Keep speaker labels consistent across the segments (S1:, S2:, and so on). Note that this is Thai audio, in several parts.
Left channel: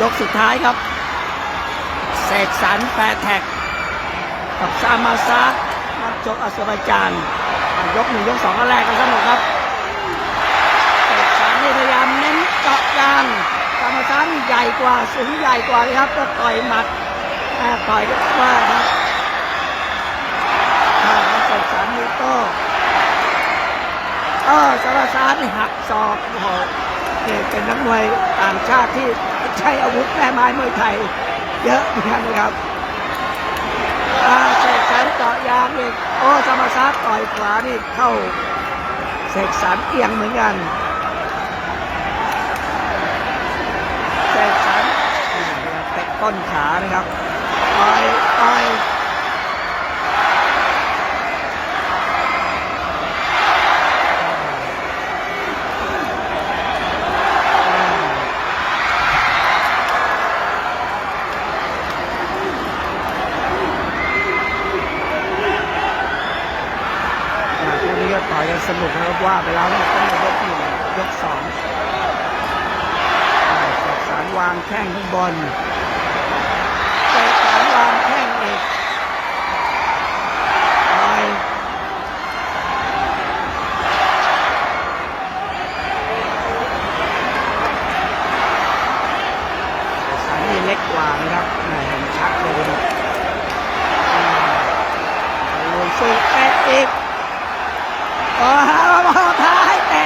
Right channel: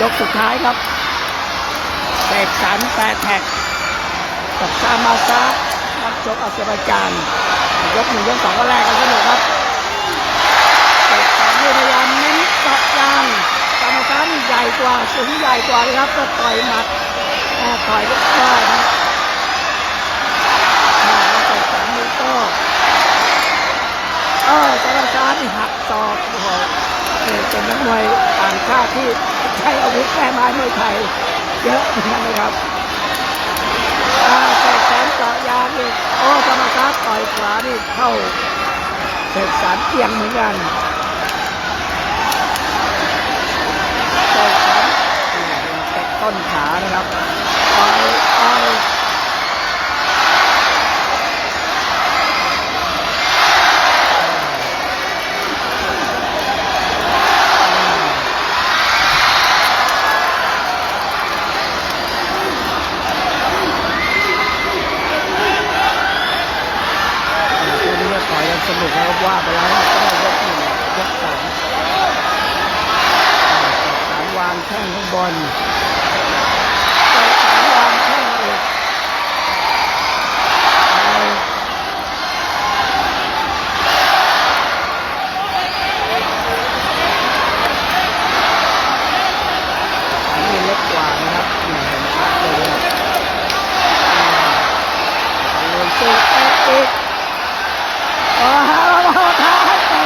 S1: ยกสุดท้ายครับเสกสรรแปรแท็ก กับซามาซานักชกอาเซอร์ไบจานยกหนึ่งยกสองก็แรกกันสนุกครับเสกสรรนี่พยายามเน้นเจาะยางซามาซานี่ใหญ่กว่าสูงใหญ่กว่าเลยครับก็ต่อยหมัดแอบต่อยก็ว่าครับเสกสรรนี่ก็เออซามาซานี่หักศอกโอ้โห เป็นนักมวยต่างชาติที่ใช้อาวุธแม่ไม้มวยไทย เยอะเหมือนกันนะครับอ่าเสกสรรเจาะยางอีกโอ้ธรรมศาสตร์ต่อยขวานี่เข้าเสกสรรเอียงเหมือนกันเสกสรรอ่าเดี๋ยวเตะต้นขานะครับต่อยต่อยอ่าคู่นี้ก็ต่ อยกันสนุกนะครับว่าไปแล้วเนี่ยต้องยกหนึ่งยกสองอ่าเสกสรวางแข้งข้างบนเสกสรรวางแข้งเอกต่อยสารนี่เล็กกว่านะครับแหม่เห็นชัดเลยนะครับอ่าลุยสู้เตะอีก โอ้โหท้าให้แตะ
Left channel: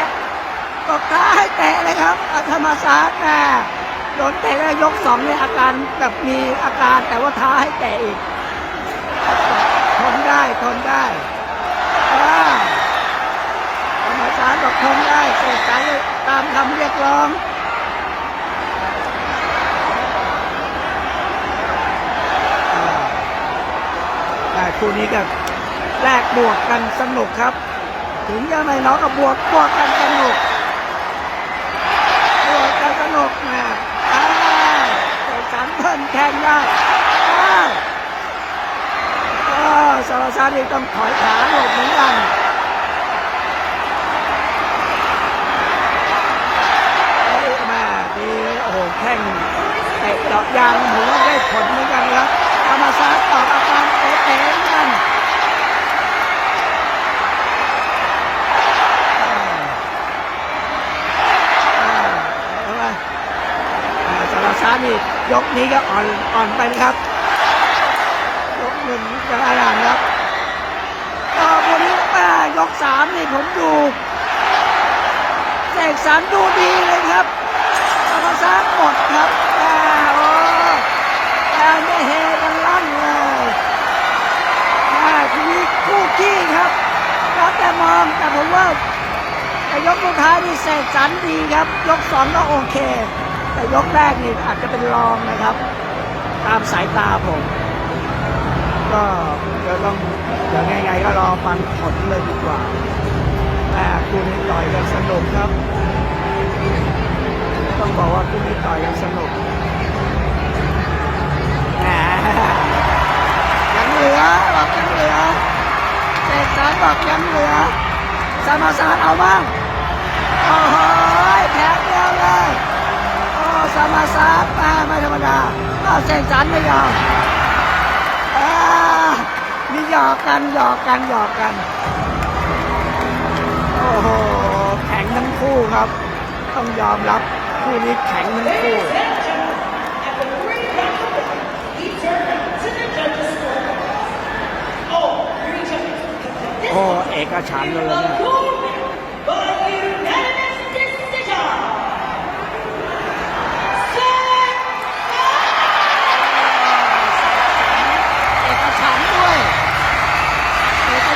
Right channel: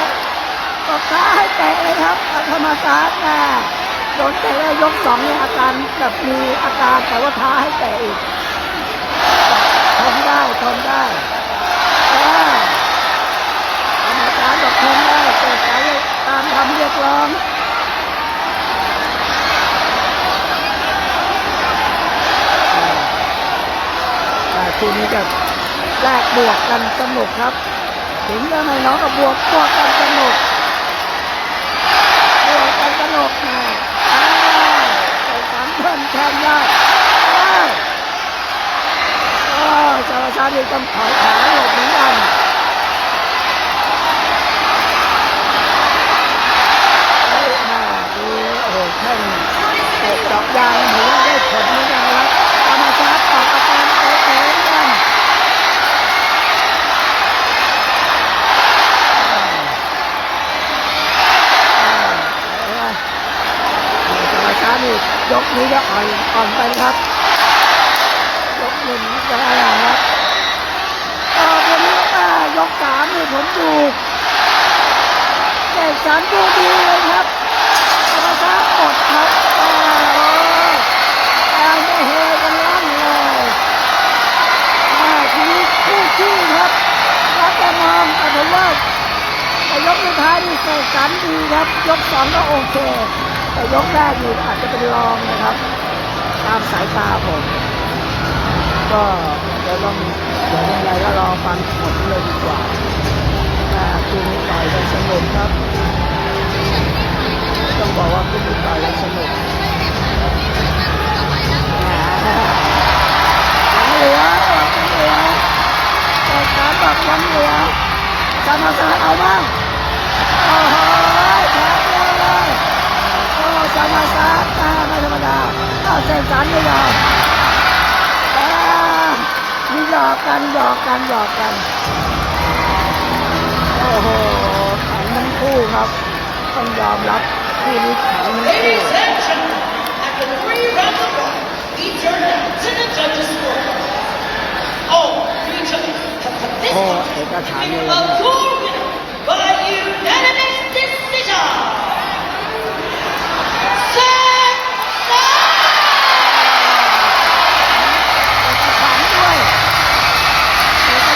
S1: ตบท้าให้แตะเลยครับอาธรรมศาสตร์นะโดนเตะแล้วยกสองเนี่ยอาการแบบมีอาการแต่ว่าท้าให้แตะอีกทนได้ทนได้ธรรมศาสตร์บอกทนได้เสกสรรตามคำเรียกร้องแต่คู่นี้ก็แลกบวกกันสนุกครับ ถึงจะไม่น้องก็บวกบวกกันสนุกบวกกันสนุกนะอ่าใส่สามเพิ่นแทนได้อ้าวอ้าวสารชาติต้องถอยขาหลบเหมือนกันเฮ้มาดีโอ้โหแข่งเตะดอกยางหมูได้ผลเหมือนกันครับธรรมศาสตร์ออกอาการเตะเตะเหมือนกัน เอาไป สารชาตินี่ยกนี้ก็อ่อนอ่อนไปนะครับ ยกหนึ่งจะอะไรอย่างครับต่อคนนี้มายกสามนี่ผมดูเสกสรรดูดีเลยครับสารชาติหมดครับอ่โอ้แต่จะเฮกันลั่นเลยอ่าทีนี้คู่ขี้ครับแล้วแต่มองแต่ผมว่าแต่ยกสุดท้ายนี่เสกสรรดีครับ ยกสองก็โอเค แต่ยกแรกนี่อาจจะเป็นรองนะครับ ตามสายตาผม ก็เดี๋ยวต้องเดี๋ยวยังไงก็รอฟังผลเลยดีกว่าแต่คู่นี้ต่อยกันสนุกครับ ต้องบอกว่าคู่นี้ต่อยกันสนุกแหมยังเหลือบอกยังเหลือเสกสรรบอกยังเหลือสามาสารเอาบ้างโอ้โหแพ้เดียวเลย โอ้ สามาสารตาไม่ธรรมดาเอาเส้นสันไม่ยอมอ่ามีหยอกกันหยอกกันหยอกกัน โอ้โหแข็งทั้งคู่ครับ ต้องยอมรับคู่นี้แข็งทั้งคู่
S2: Ladies and gentlemen, after three rounds of round, we turn now to the judges' score. All three judges have put this
S1: โอ้
S2: contest
S1: เอกฉันท์เลย
S2: in
S1: นะ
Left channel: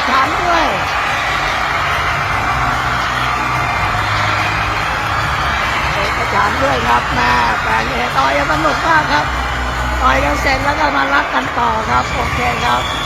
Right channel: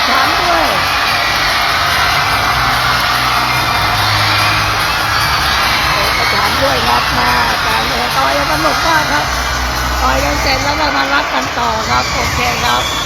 S1: ฉันด้วยเอกฉันด้วยครับแม่แต่เอกต่อยันสนุกมากครับ ต่อยกันเสร็จแล้วก็มารักกันต่อครับ โอเคครับ